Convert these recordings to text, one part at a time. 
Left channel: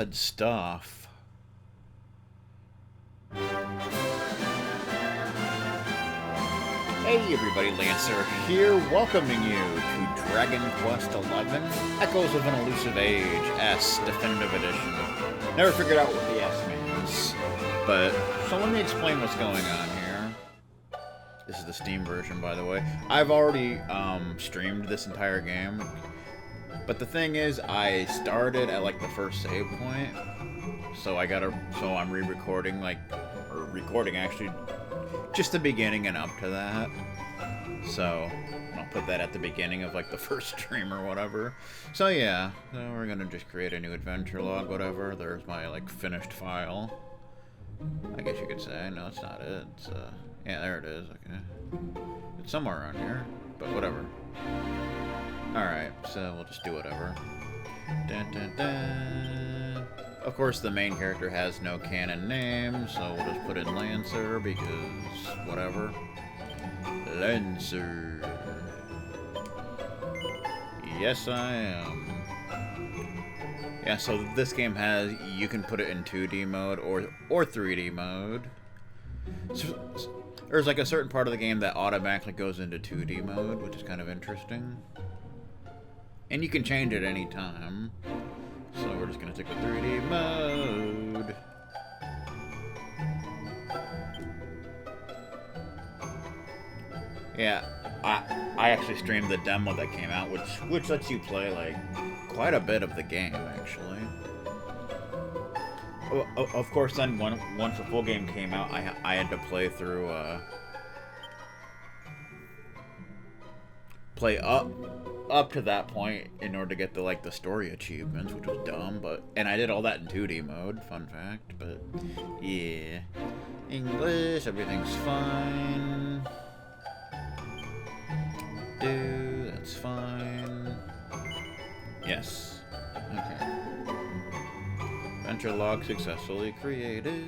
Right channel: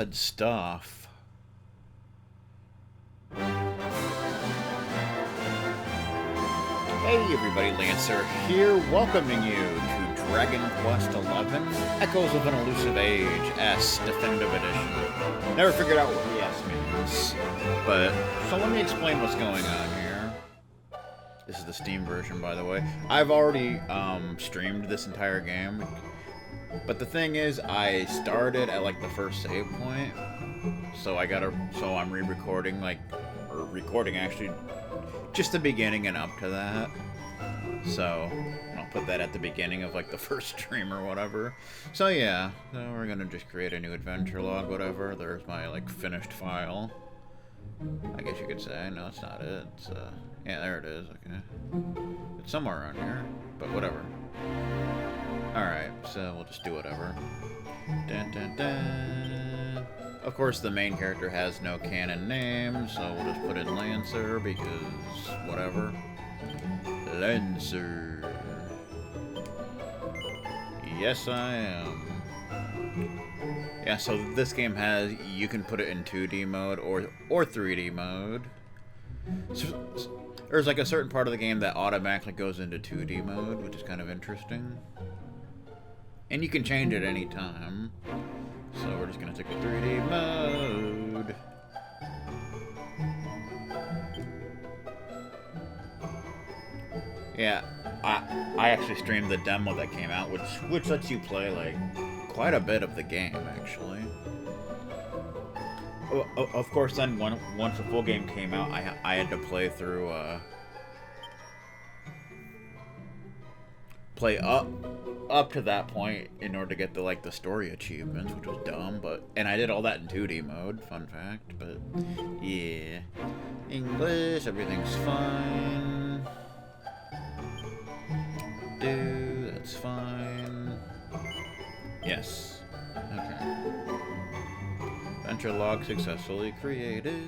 Good stuff. Hey everybody, Lancer here, welcoming you to Dragon Quest XI, Echoes of an Elusive Age, S, Definitive Edition. Never figured out what the S means, but, so let me explain what's going on here. This is the Steam version, by the way. I've already streamed this entire game, but the thing is, I started at like the first save point, so I'm re-recording, recording actually just the beginning and up to that. So I'll put that at the beginning of like the first stream or whatever. So yeah, so we're gonna just create a new adventure log, whatever. There's my like finished file, I guess you could say. No, it's not it. It's yeah, there it is. Okay, it's somewhere around here, but whatever. Alright, so we'll just do whatever. Dun, dun, dun. Of course, the main character has no canon name, so we'll just put in Lancer because whatever. Lancer. Yes, I am. Yeah, so this game has, you can put it in 2D mode or 3D mode. So, there's like a certain part of the game that automatically goes into 2D mode, which is kind of interesting. And you can change it any time. So we're just gonna stick with 3D mode. Yeah, I actually streamed the demo that came out, which lets you play like quite a bit of the game actually. Of course, then once the full game came out, I had to play through play up to that point in order to get the story achievements, which was dumb, and I did all that in 2D mode, fun fact, but yeah. English, everything's fine. That's fine. Yes. Okay. Adventure log successfully created.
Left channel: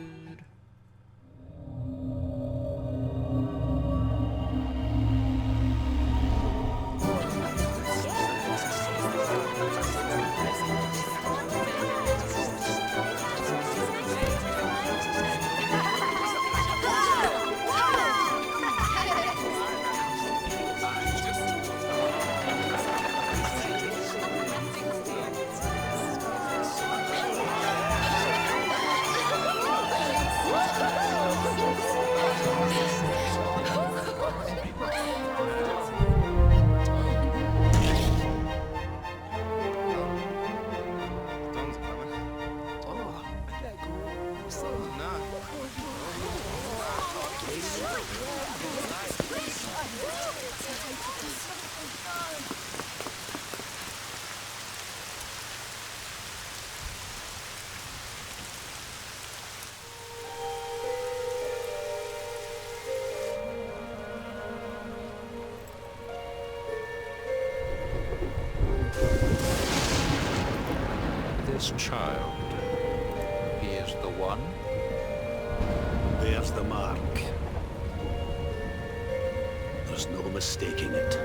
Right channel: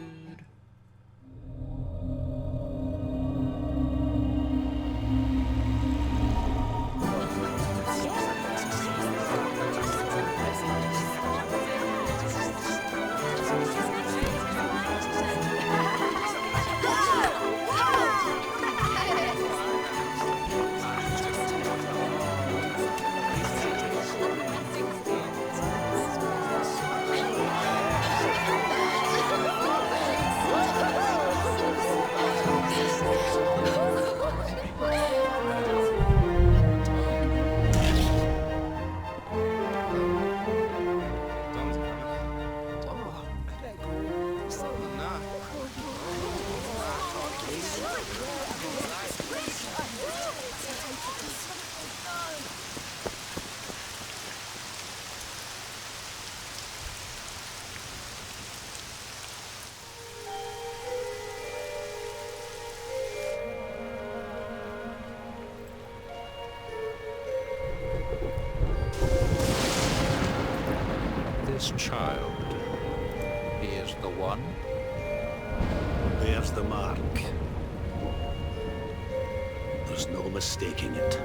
This child, he is the one? There's the mark. There's no mistaking it.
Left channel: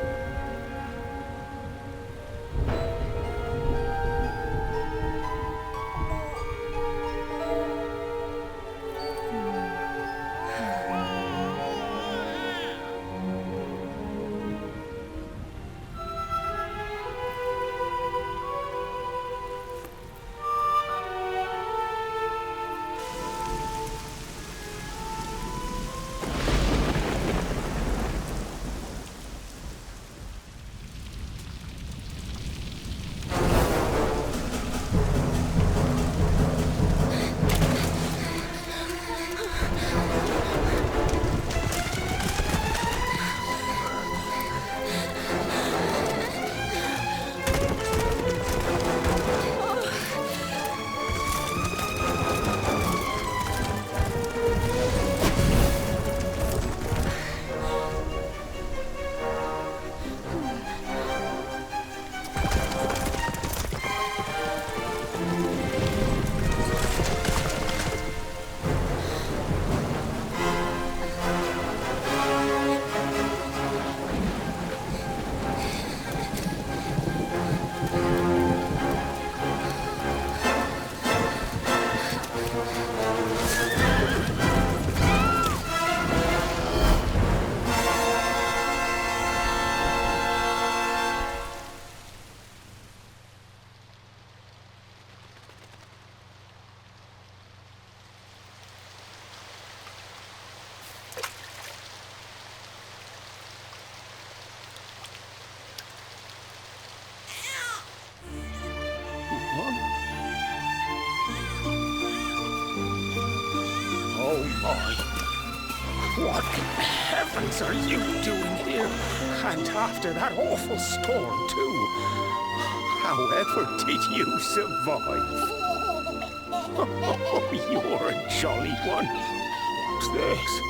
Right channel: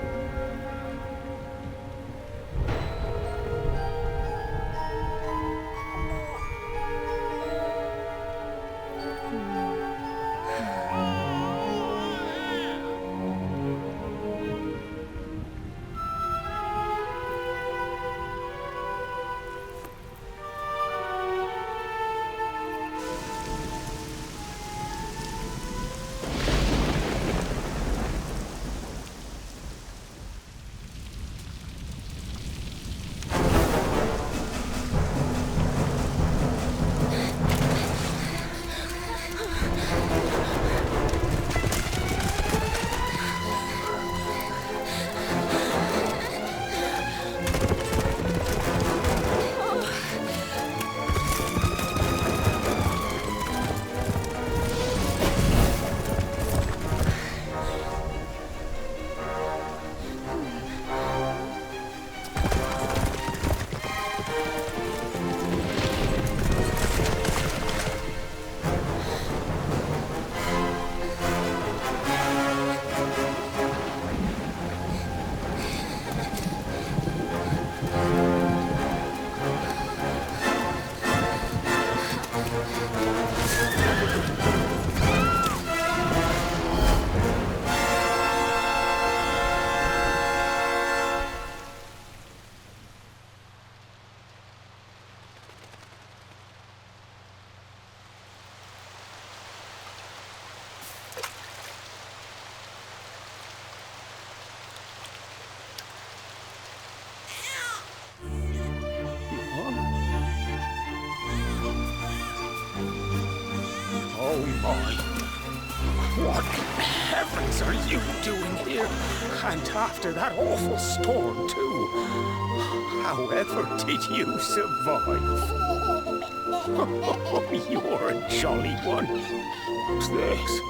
Oh my. What in heavens are you doing here? And after that awful storm, too. However did you survive? Oh, you're a jolly one. What's this?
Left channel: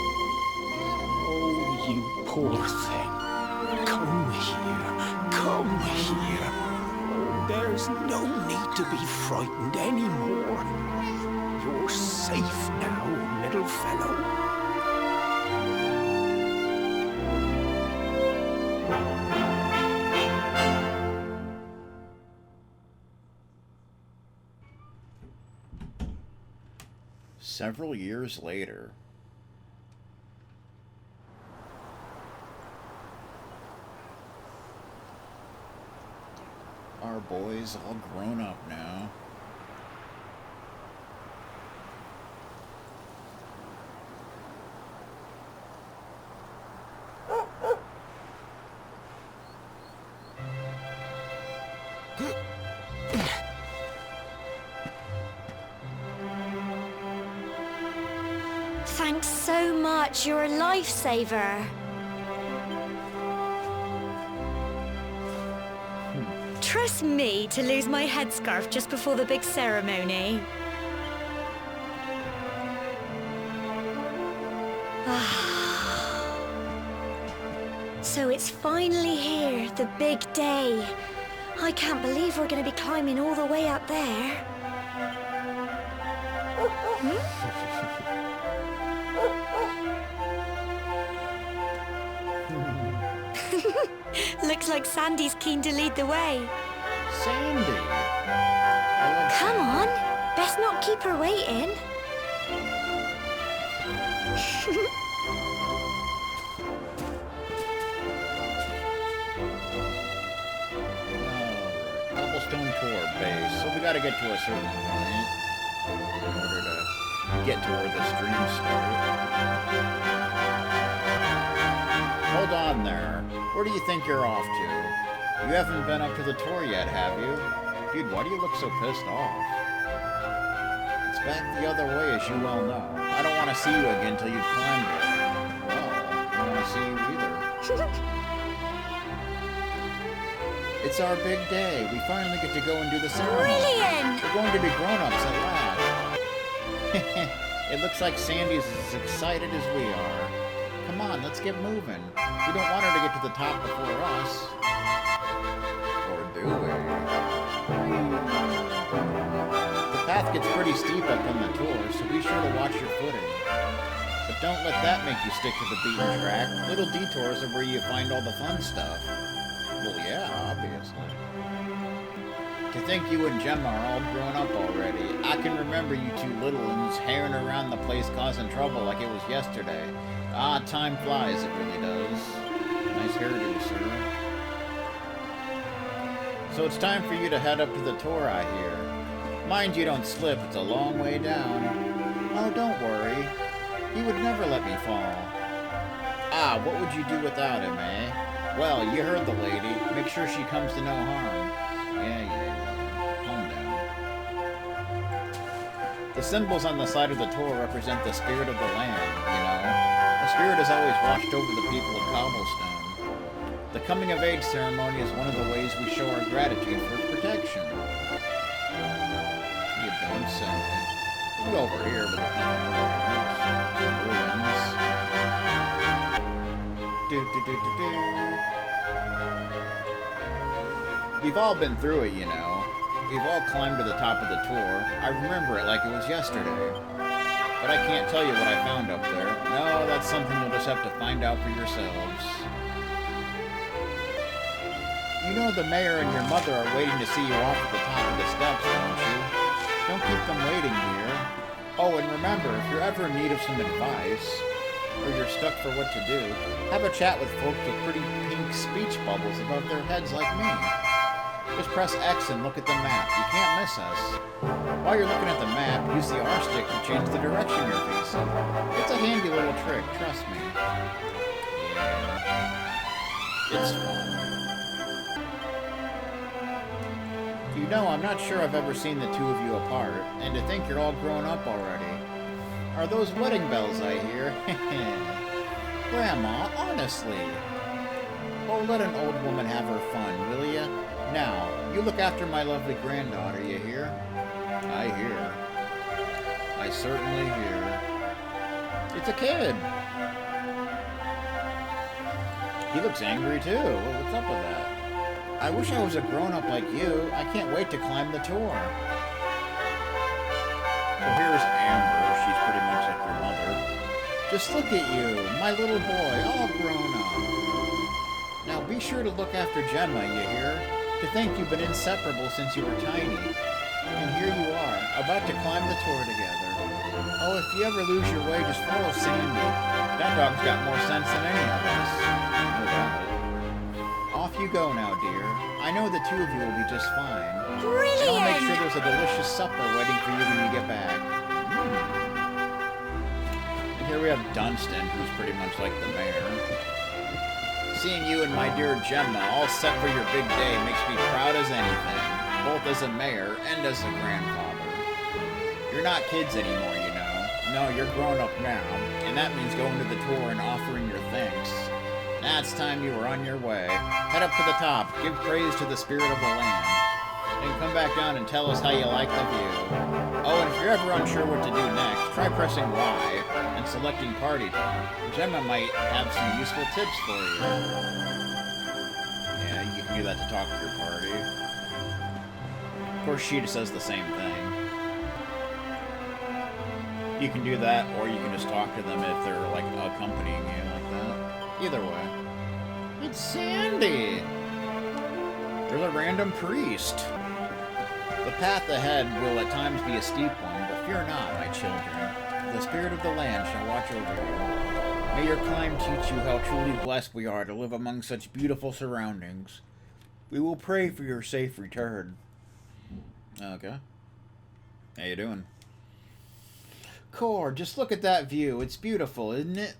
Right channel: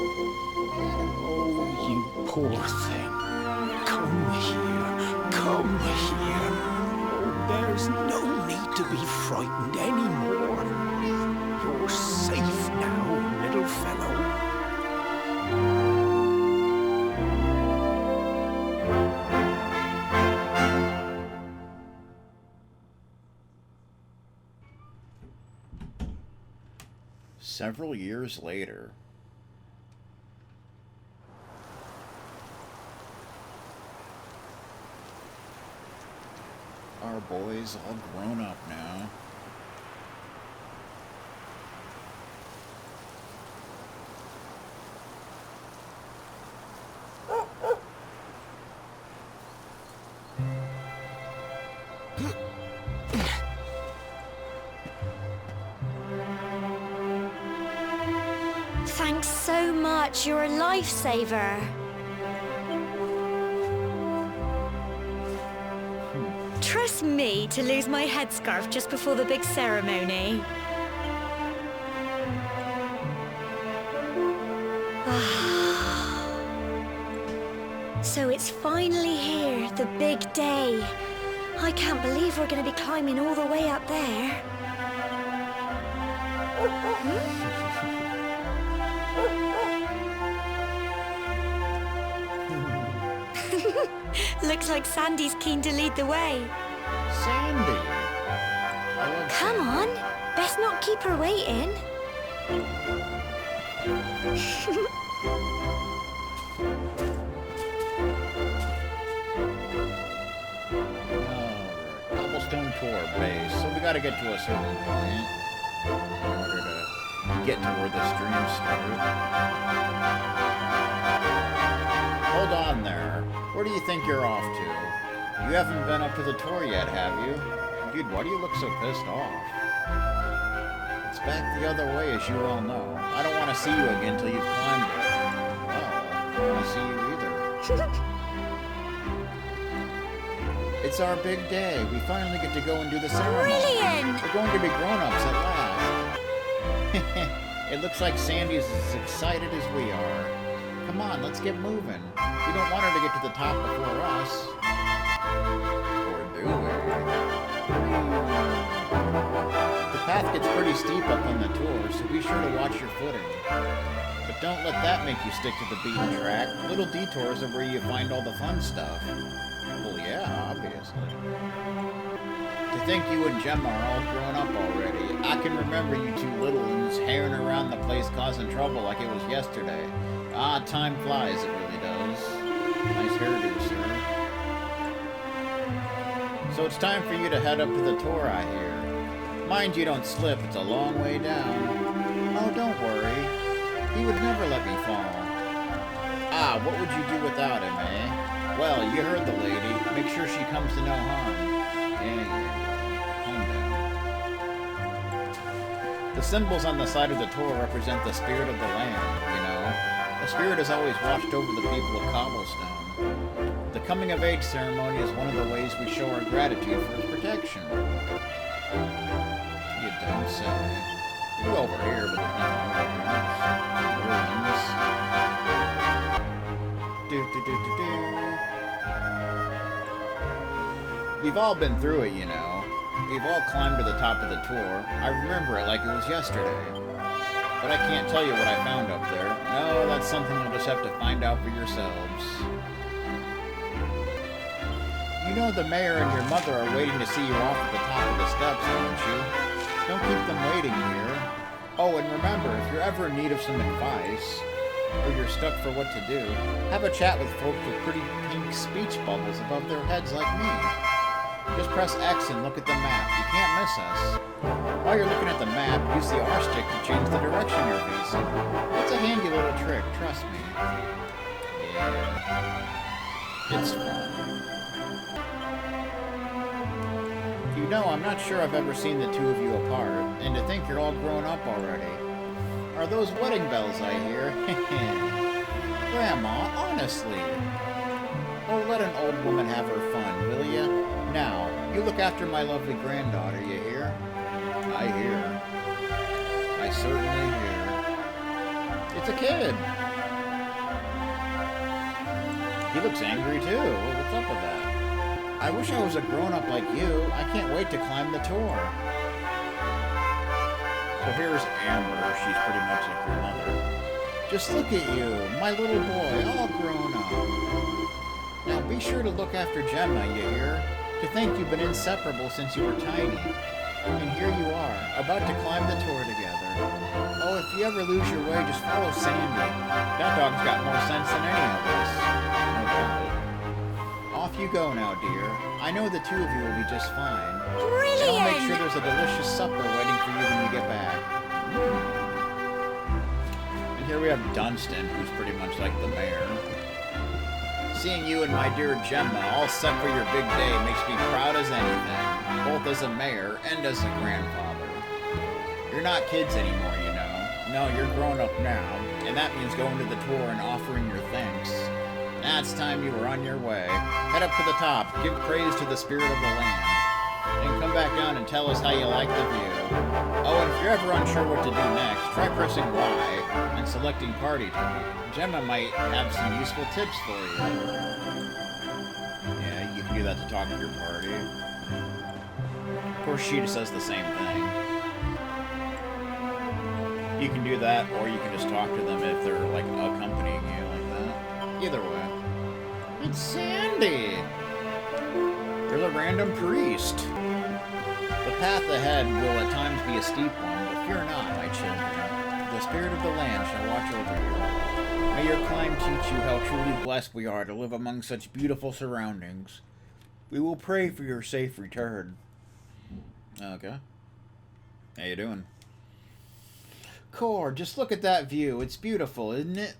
Oh, you poor thing. Come here. Come here. Oh, there's no need to be frightened anymore. You're safe now, little fellow. Several years later. Our boy's all grown up now. Thanks so much. You're a lifesaver. Trust me to lose my headscarf just before the big ceremony. So it's finally here, the big day. I can't believe we're going to be climbing all the way up there. Looks like Sandy's keen to lead the way. Sandy! I love Come Sandy. on, best not keep her waiting. Alright, cobblestone tour base. So we gotta get to a certain point in order to get to where the streams start. Hold on there. Where do you think you're off to? You haven't been up to the tour yet, have you? Dude, why do you look so pissed off? It's back the other way, as you well know. I don't want to see you again till you've climbed it. Well, I don't want to see you either. It's our big day. We finally get to go and do the ceremony. Brilliant! We're going to be grown-ups at last. It looks like Sandy's as excited as we are. Come on, let's get moving. We don't want her to get to the top before us. Or do we? The path gets pretty steep up on the tour, so be sure to watch your footing. But don't let that make you stick to the beaten track. Little detours are where you find all the fun stuff. Well, yeah, obviously. To think you and Gemma are all grown up already. I can remember you two little uns herring around the place causing trouble like it was yesterday. Ah, time flies, it really does. Nice hairdo, sir. So it's time for you to head up to the tour, I hear. Mind you don't slip, it's a long way down. Oh, don't worry. He would never let me fall. Ah, what would you do without him, eh? Well, you heard the lady. Make sure she comes to no harm. Yeah. Calm down. The symbols on the side of the tour represent the spirit of the land, you know. The spirit has always watched over the people of Cobblestone. The coming-of-age ceremony is one of the ways we show our gratitude for its protection. You don't say. You can go over here, but there's nothing over here. Some ruins. We've all been through it, you know. We've all climbed to the top of the tour. I remember it like it was yesterday. But I can't tell you what I found up there. No, that's something you'll just have to find out for yourselves. You know the mayor and your mother are waiting to see you off at the top of the steps, don't you? Don't keep them waiting here. Oh, and remember, if you're ever in need of some advice, or you're stuck for what to do, have a chat with folks with pretty pink speech bubbles above their heads like me. Just press X and look at the map. You can't miss us. While you're looking at the map, use the R stick to change the direction you're facing. It's a handy little trick, trust me. Yeah. It's fun. You know, I'm not sure I've ever seen the two of you apart, and to think you're all grown up already. are those wedding bells I hear. Grandma, honestly. Oh, let an old woman have her fun, will ya? Now, you look after my lovely granddaughter, you hear? I hear. I certainly hear. It's a kid. He looks angry, too. What's up with that? I wish I was a grown-up like you. I can't wait to climb the tour. So here's Amber. She's pretty much like your mother. Just look at you, my little boy, all grown up. Now be sure to look after Gemma, you hear? To think you've been inseparable since you were tiny. And here you are, about to climb the tour together. Oh, if you ever lose your way, just follow Sandy. That dog's got more sense than any of us. No doubt. Off you go now, dear. I know the two of you will be just fine. Brilliant! And I'll make sure there's a delicious supper waiting for you when you get back. And here we have Dunstan, who's pretty much like the mayor. Seeing you and my dear Gemma all set for your big day makes me proud as anything, both as a mayor and as a grandfather. You're not kids anymore, you know. No, you're grown up now, and that means going to the tour and offering your thanks. Now it's time you were on your way. Head up to the top, give praise to the spirit of the land, and come back down and tell us how you like the view. Oh, and if you're ever unsure what to do next, try pressing Y and selecting Party Talk. Gemma might have some useful tips for you. Yeah, you can do that to talk to your party. Of course, she just does the same thing. You can do that, or you can just talk to them if they're, like, accompanying you like that. Either way. It's Sandy! There's a random priest. The path ahead will at times be a steep one, but fear not, my children. The spirit of the land shall watch over you. May your climb teach you how truly blessed we are to live among such beautiful surroundings. We will pray for your safe return. Okay. How you doing? Core, just look at that view. It's beautiful, isn't it?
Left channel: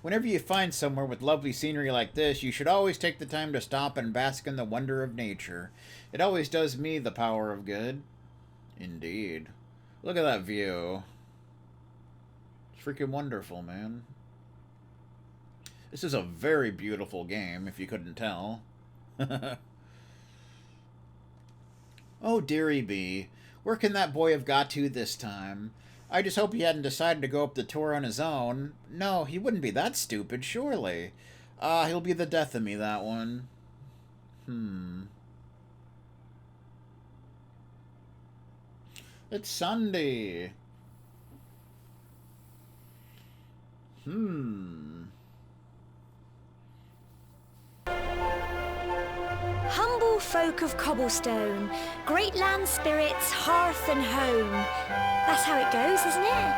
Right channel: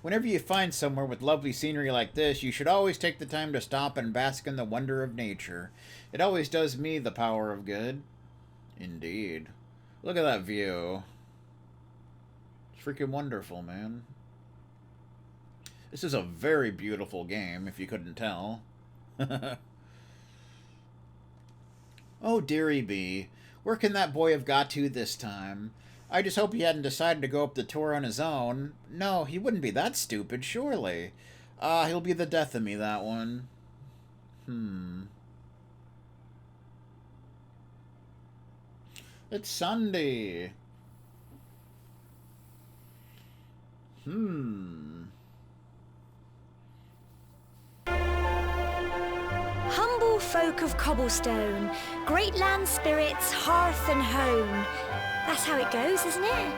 Whenever you find somewhere with lovely scenery like this, you should always take the time to stop and bask in the wonder of nature. It always does me the power of good. Indeed. Look at that view. It's freaking wonderful, man. This is a very beautiful game, if you couldn't tell. Oh, dearie bee. Where can that boy have got to this time? I just hope he hadn't decided to go up the tour on his own. No, he wouldn't be that stupid, surely. He'll be the death of me, that one. It's Sunday. Humble folk of cobblestone, great land spirits, hearth and home. That's how it goes, isn't it?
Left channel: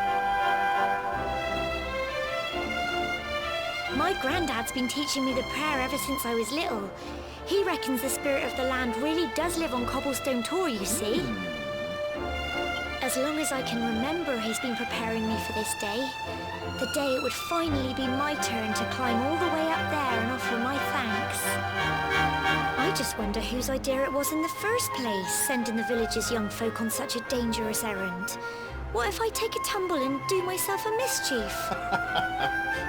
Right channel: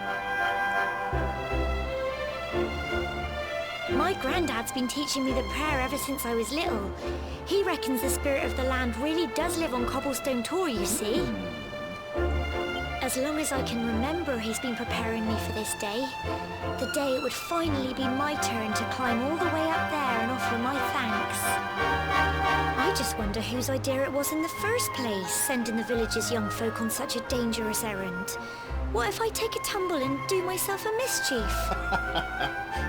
My granddad's been teaching me the prayer ever since I was little. He reckons the spirit of the land really does live on Cobblestone Tor, you see. As long as I can remember, he's been preparing me for this day. The day it would finally be my turn to climb all the way up there and offer my thanks. I just wonder whose idea it was in the first place, sending the village's young folk on such a dangerous errand. What if I take a tumble and do myself a mischief?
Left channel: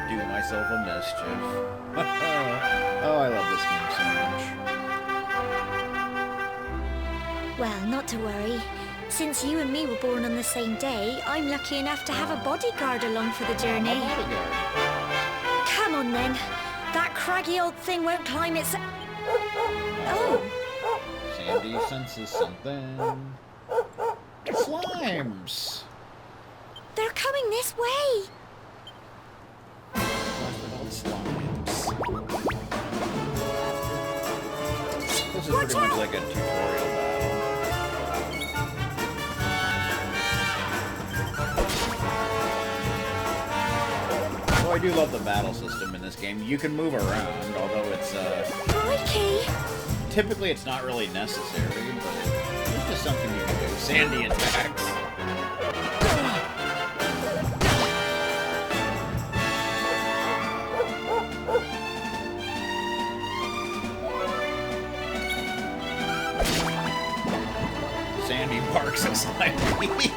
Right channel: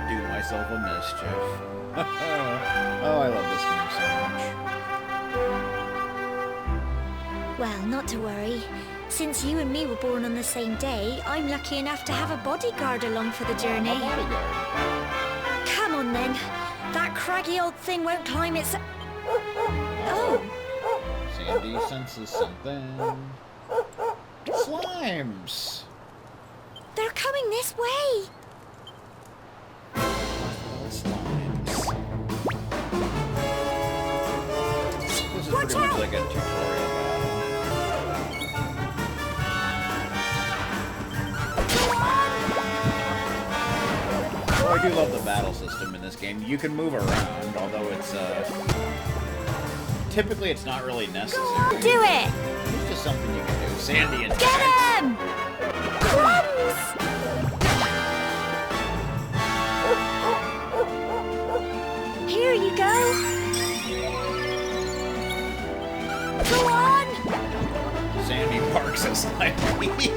Do myself a mischief. Oh, I love this game so much. Well, not to worry. Since you and me were born on the same day, I'm lucky enough to have a bodyguard along for the journey. A bodyguard. Come on then. That craggy old thing won't climb its... Oh. Sandy senses something. Slimes. They're coming this way. What's with all slimes? This is Watch pretty much out! like a tutorial battle. Oh, I do love the battle system in this game. You can move around, although it's Crikey. typically it's not really necessary. Do it. It's just something you can do. Sandy attacks. Here you go. Go on. Sandy barks at Slimy.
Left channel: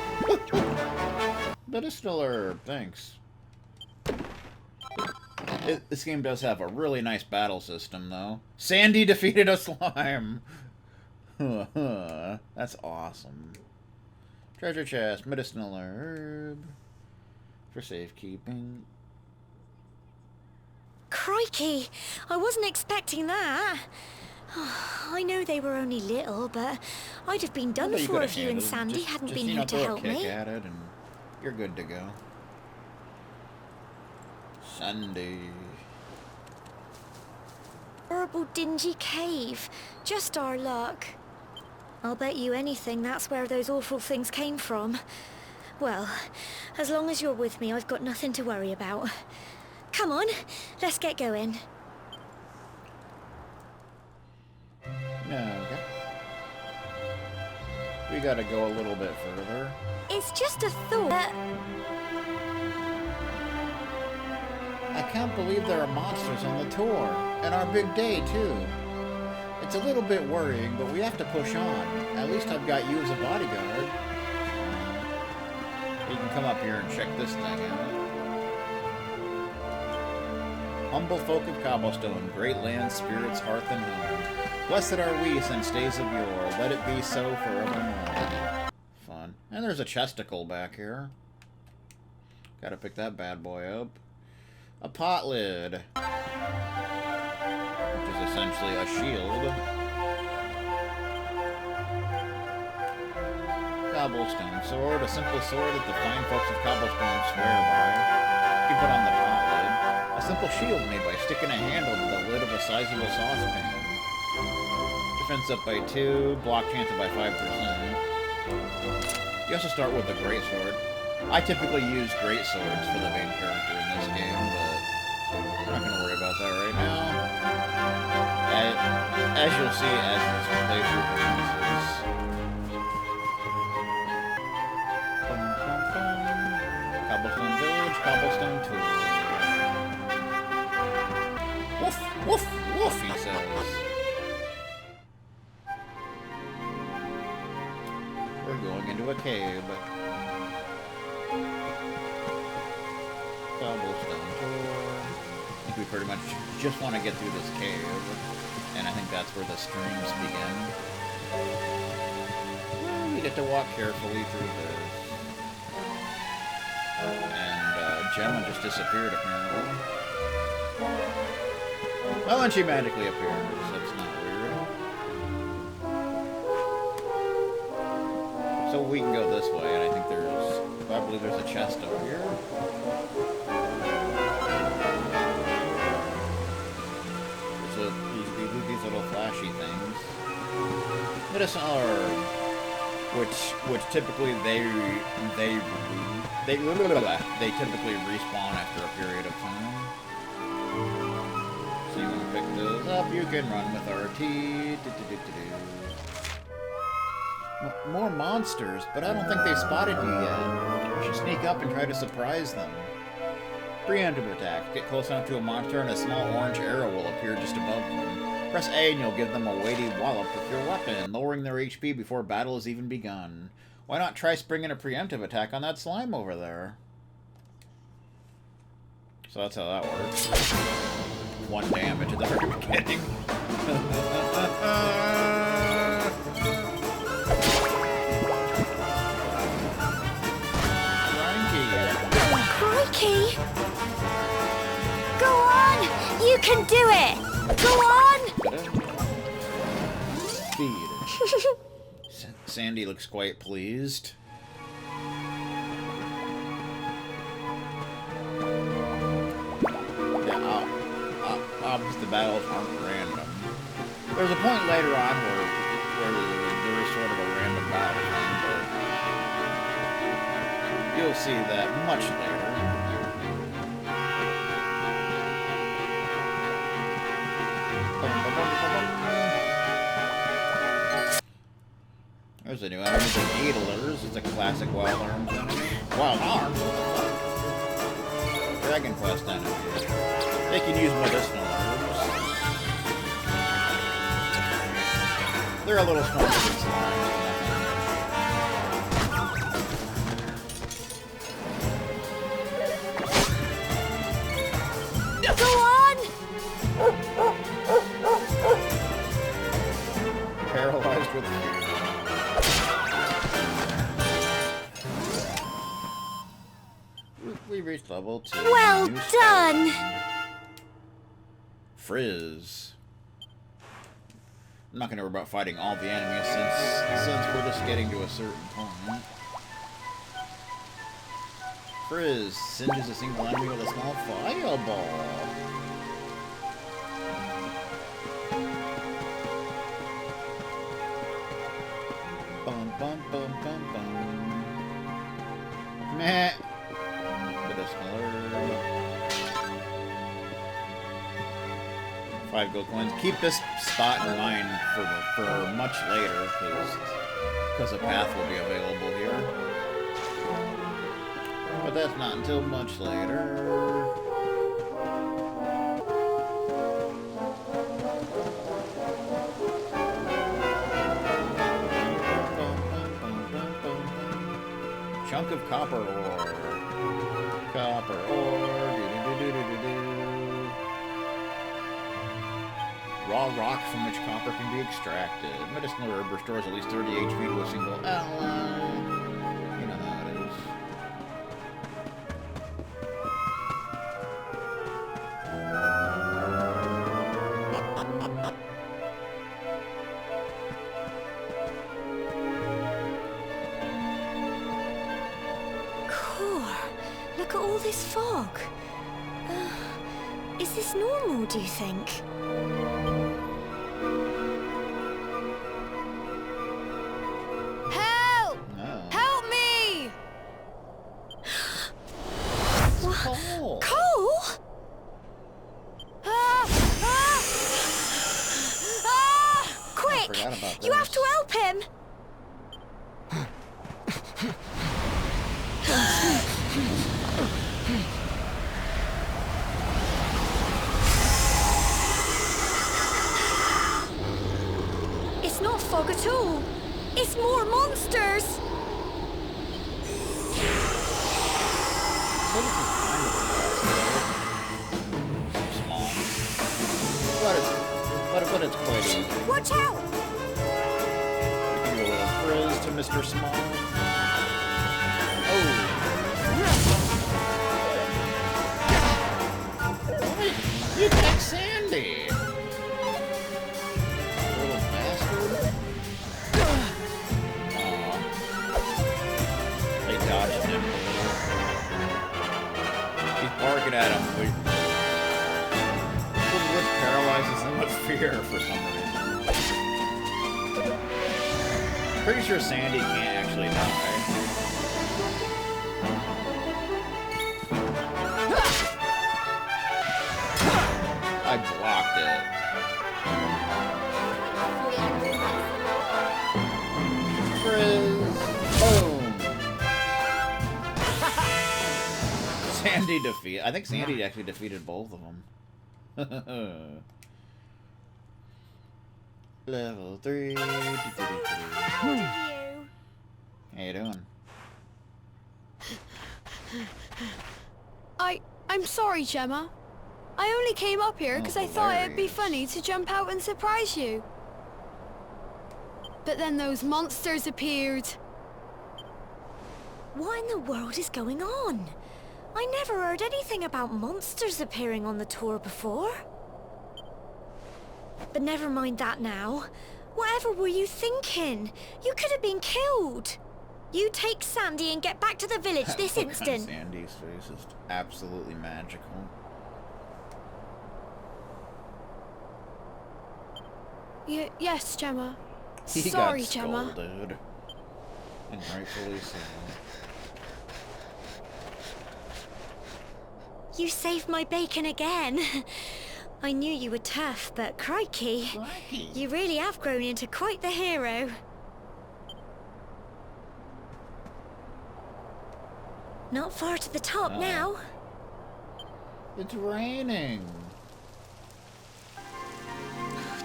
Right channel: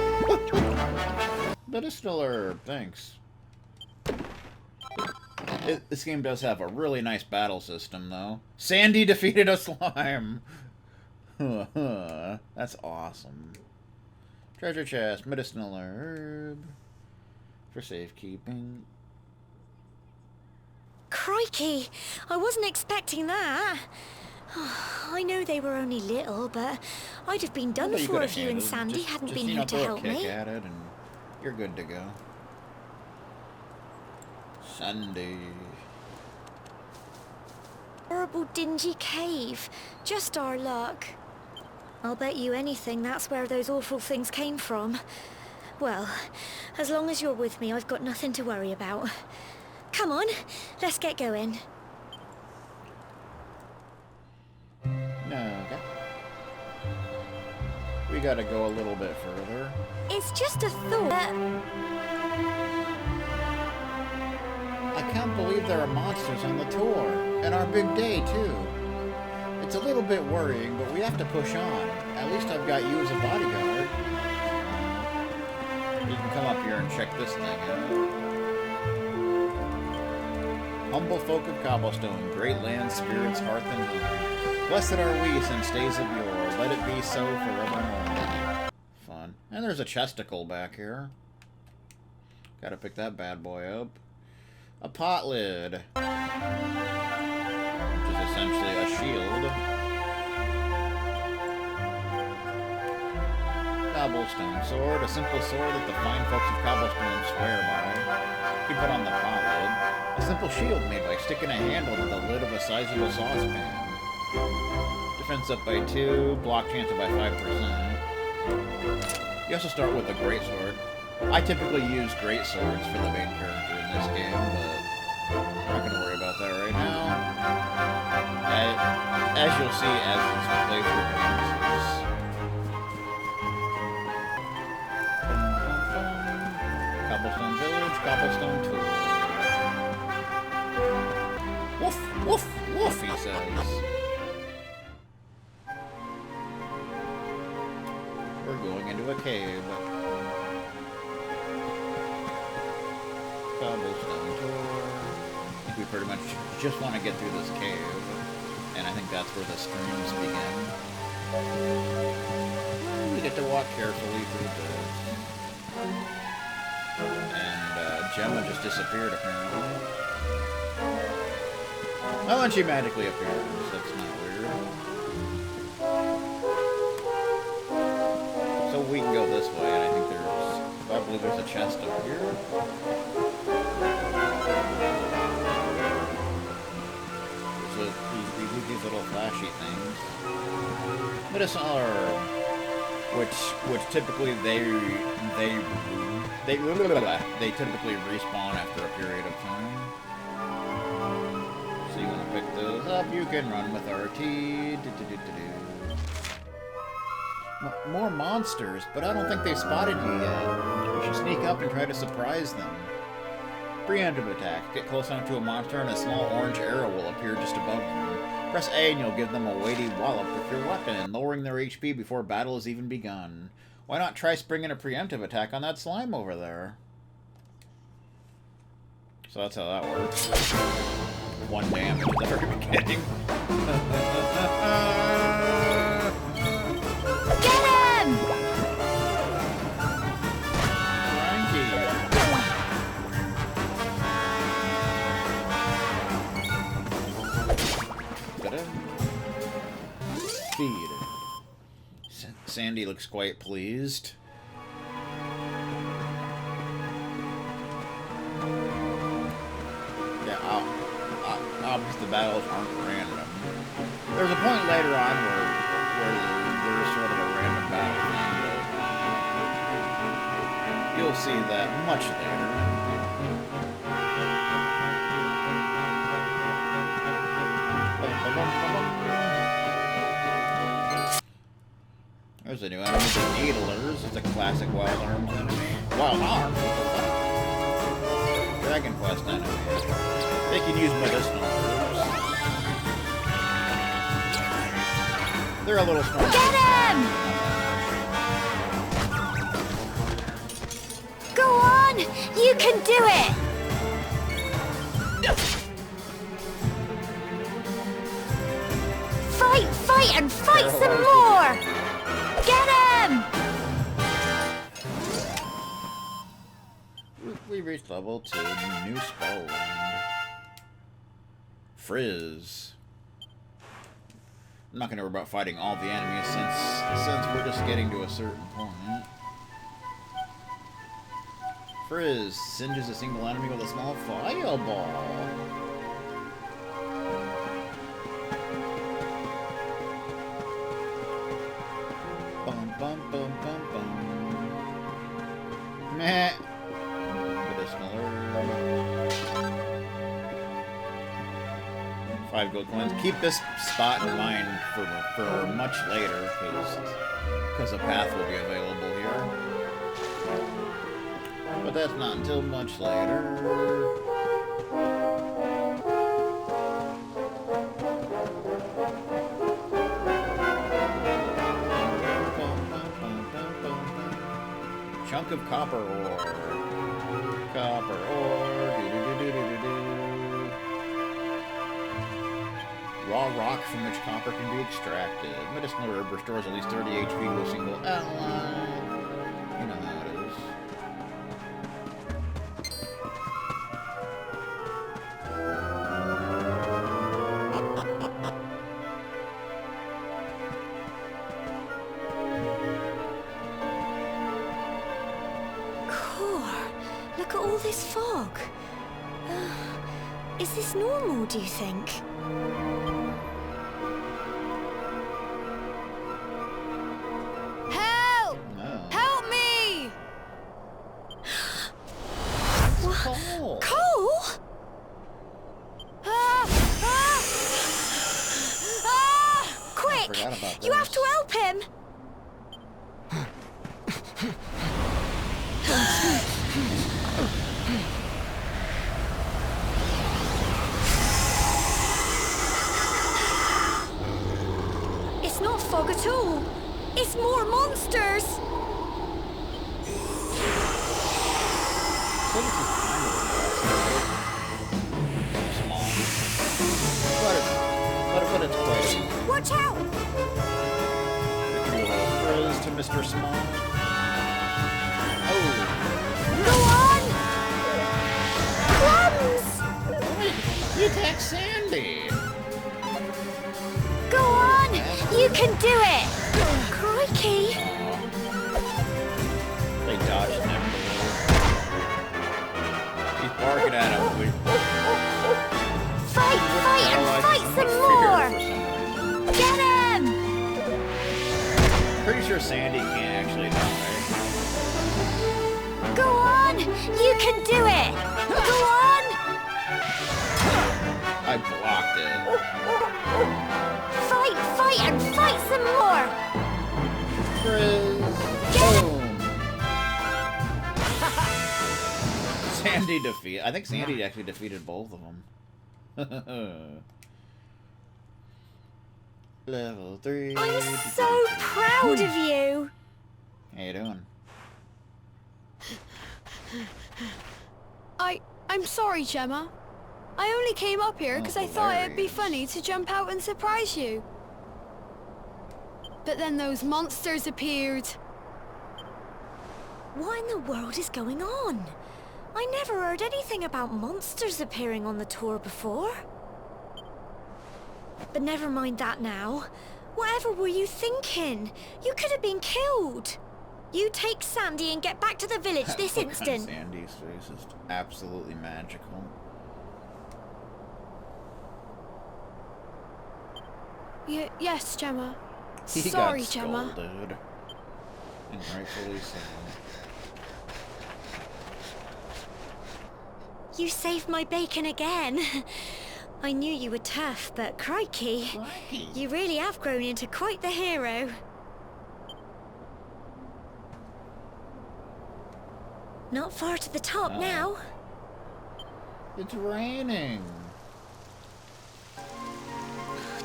Medicinal herb, thanks. This game does have a really nice battle system, though. Sandy defeated a slime! That's awesome. Treasure chest, medicinal herb. For safekeeping. Crikey! I wasn't expecting that. I know they were only little, but I'd have been done for if you and Sandy hadn't been here to help me. Just at it and you're good to go. Sandy. Horrible dingy cave. Just our luck. I'll bet you anything that's where those awful things came from. Well, as long as you're with me, I've got nothing to worry about. Come on, let's get going. Okay. We gotta go a little bit further. It's just a thought. I can't believe there are monsters on the tour. And our big day, too. It's a little bit worrying, but we have to push on. At least I've got you as a bodyguard. You can come up here and check this thing out. Humble folk of Cobblestone, great land, spirits, hearth, and home. Blessed are we since days of yore. Let it be so forevermore. Fun. And there's a chesticle back here. Gotta pick that bad boy up. A pot lid. Which is essentially a shield. Cobblestone sword. A simple sword that the fine folks of Cobblestone swear by. You put on the pot lid. A simple shield made by sticking a handle to the lid of a sizable saucepan. Defense up by 2, block chance up by 5%. You also start with a greatsword. I typically use greatswords for the main character in this game, but we're not going to worry about that right now. As you'll see as this playthrough commences. Cobblestone Village, Cobblestone Tour. Woof, woof, woof, he says. We're going into a cave. Cobblestone Tour. I think we pretty much just want to get through this cave. And I think that's where the streams begin. Well, we get to walk carefully through this. And Gemma just disappeared, apparently. Oh, and she magically appears. That's not weird. So we can go this way, and I think I believe there's a chest up here. There's these little flashy things. Medicinal herb, which typically they typically respawn after a period of time. So you want to pick those up. You can run with RT. More monsters, but I don't think they've spotted you yet. You should sneak up and try to surprise them. Preemptive attack. Get close enough to a monster and a small orange arrow will appear just above them. Press A and you'll give them a weighty wallop with your weapon, lowering their HP before battle has even begun. Why not try springing a preemptive attack on that slime over there? So that's how that works. 1 damage at the very beginning. Crikey! Go on! You can do it! Go on! Speed. Sandy looks quite pleased. Yeah, obviously the battles aren't random. There's a point later on where there is sort of a random battle thing, but you'll see that much later. There's a new enemy, the Needlers. It's a classic Wild Arms enemy. Wild Arms? What the fuck? Dragon Quest enemy. They can use medicinal herbs. They're a little stronger than slimes, but not that much. Go on! We reached level 2. Well New done! Frizz. I'm not gonna worry about fighting all the enemies since we're just getting to a certain point. Frizz singes a single enemy with a small fireball. Bum bum bum bum bum. Meh. Medicinal herb. 5 gold coins. Keep this spot in mind for much later, because a path will be available here. But that's not until much later. Chunk of copper ore. Copper ore. Do-do-do-do-do-do. Raw rock from which copper can be extracted. Medicinal herb restores at least 30 HP to a single ally. You know how it is. Look at all this fog. Is this normal, do you think? Help! No. Help me! Cole! Cole? Ah! Ah! Ah! Quick! forgot about You this. have to help him! It's not fog at all. It's more monsters. So this is kind of small. But it's quite easy. Watch out! We can do a little frizz to Mr. Small. Oh. You got Sandy! Go on! You can do it! Crikey! Aw. They dodged him a little. He's barking at him. Fight, Which fight, paralyzes him with some fear more. for some reason. Get him! Pretty sure Sandy can't actually die. Go on! You can do it! Go on! I blocked it. Fight, fight, and fight some more! Frizz. Boom. Sandy defeat. I think Sandy actually defeated both of them. Level 3. I'm so proud of you! How you doing? I'm sorry, Gemma. I only came up here because I thought it'd be hilarious. funny to jump out and surprise you. But then those monsters appeared. What in the world is going on? I never heard anything about monsters appearing on the tour before. But never mind that now. Whatever were you thinking? You could have been killed. You take Sandy and get back to the village this Look on instant. Sandy's face is absolutely magical. Yes, Gemma. He Sorry, got Gemma. scolded. And rightfully so. You saved my bacon again. I knew you were tough, but crikey. You really have grown into quite the hero. Not far to the top now. It's raining.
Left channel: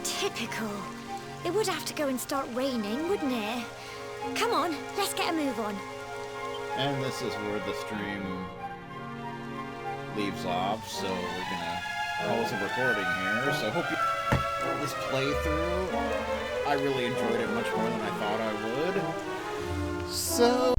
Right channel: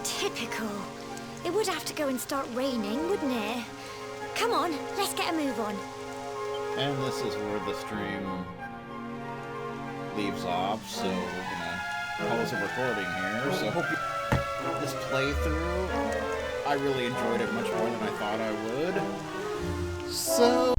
Typical. It would have to go and start raining, wouldn't it? Come on, let's get a move on. And this is where the stream leaves off, so we're gonna close the recording here. So hope you this playthrough. I really enjoyed it much more than I thought I would. So